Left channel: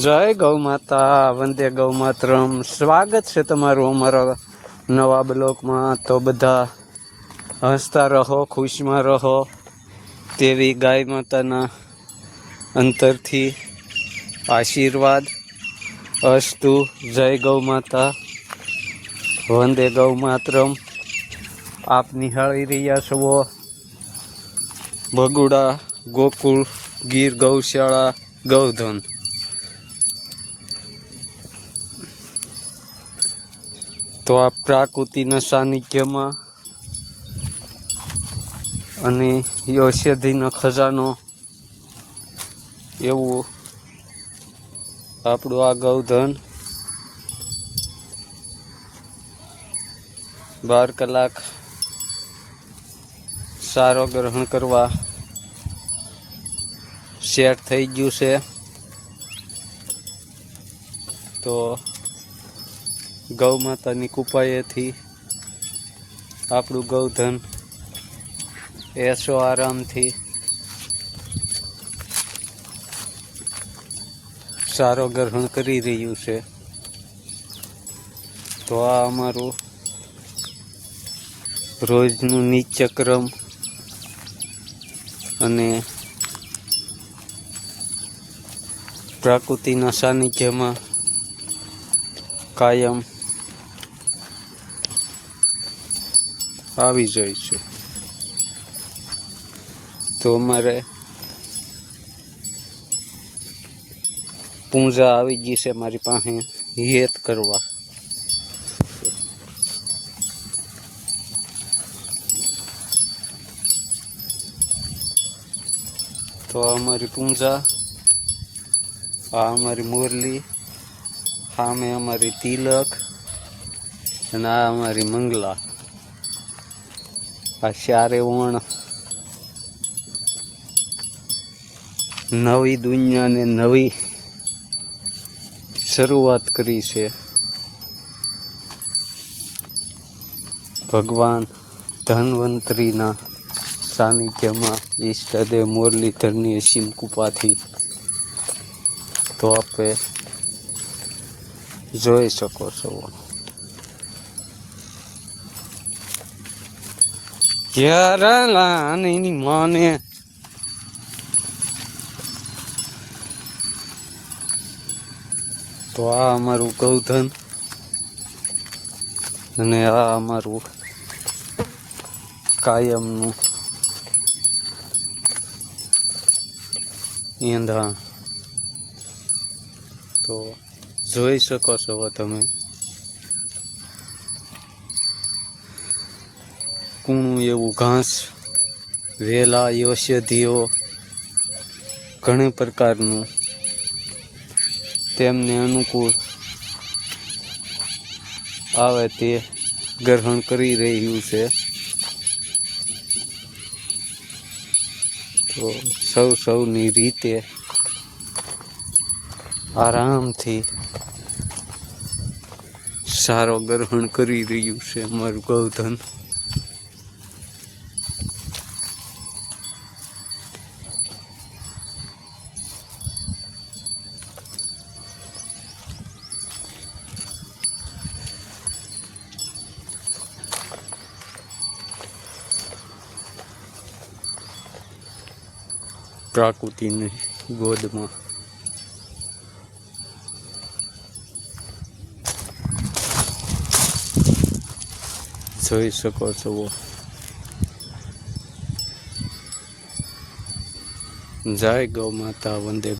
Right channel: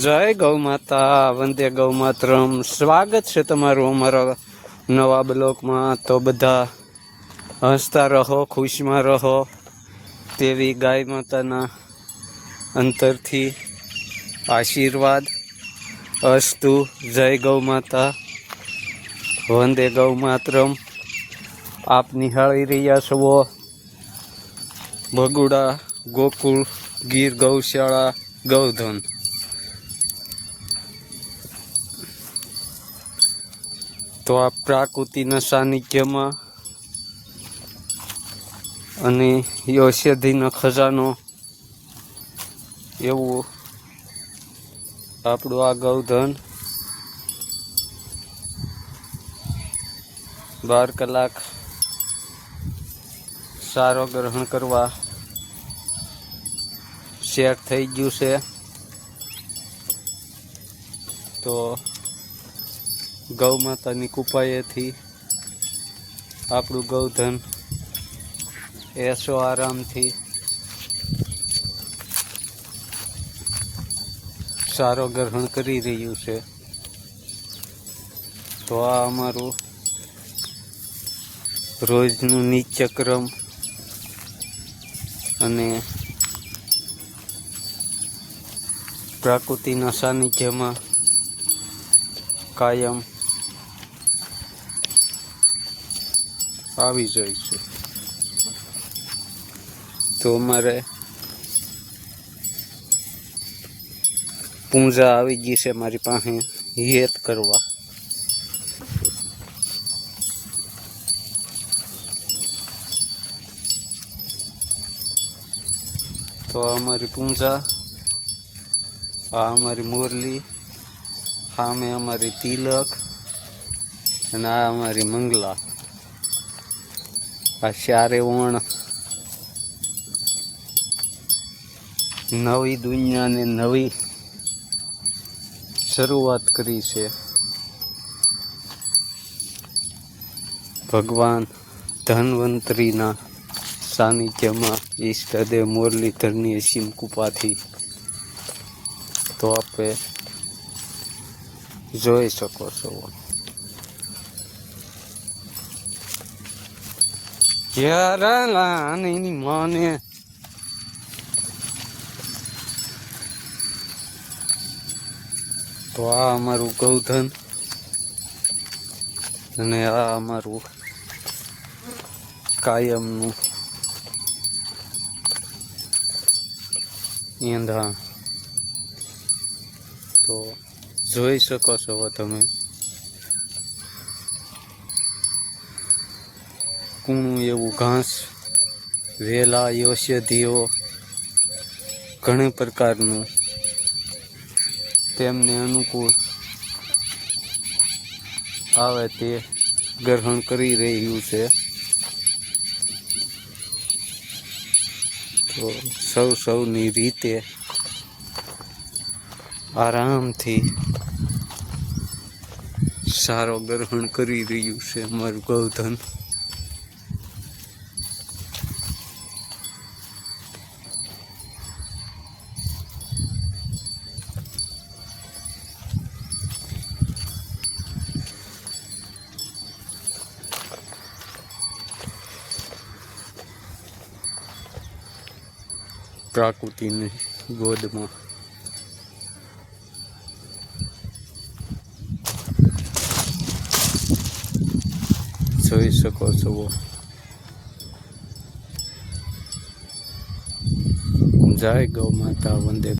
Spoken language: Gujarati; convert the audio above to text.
જય ગૌ માતા, વંદે ગૌ માતરમ. સ્વાગત છે તમારું અમારા નવા બ્લોકમાં. તો બધા હસતા રહો, ખુશમાં રહો તેવી ગાય માતાના અંતરથી આશીર્વાદ અસ્તુ. જય ગૌ માતા, વંદે ગૌ માતરમ. આપ નિહાળી રહ્યા છો ભગુડા ગોકુળ ગીર ગૌશાળા ગૌધન. તો આ પ્રાકૃતિના સાનિધ્યમાં અને ઔષધિનો ખજાનો એવું આપણું આ ગૌધન 12 કલાક સારો ગ્રહણ કરવા સેટ થઈ ગયું છે. તો ગૌ માતાની કૃપાએથી આપણું ગૌધન એસો આરામથી સારો ગ્રહણ કરી રહ્યું છે. તો આ અમારું રોજનું નિત્યક્રમ અને પ્રકૃતિના સાનિધ્યમાં કાયમ આવી જાય છે. તો અમારે પૂંજા આવી ગઈ છે મારી પાસે હેત કરવા. તો અમારી પૂંજા, આ અમારી મુરલી, સામે અમારી તિલક અને આ અમારી મંગલા. આ ચારે ઓણ નવી દુનિયાને નવી શરૂઆત કરી છે. ભગવાન ધન્વંતરીના સાનિધ્યમાં ઈષ્ટદેવ મુરલીધરની અસીમ કૃપાથી. તો આપણે જોઈ શકો છો એની માને. તો આ અમારું ગૌધન અને આ અમારું કાયમનું ઈંધણ. તો જોઈ શકો છો તમે કૂણું એવું ઘાસ, વેલા, ઔષધિઓ ઘણા પ્રકારનું તેમને અનુકૂળ આવે તે ગ્રહણ કરી રહ્યું છે. તો સૌની રીતે આરામથી સારો ગ્રહણ કરી રહ્યું છે અમારું ગૌધન. પ્રકૃતિની ગોદમાં જોઈ શકો છો. જય ગૌ માતા, વંદે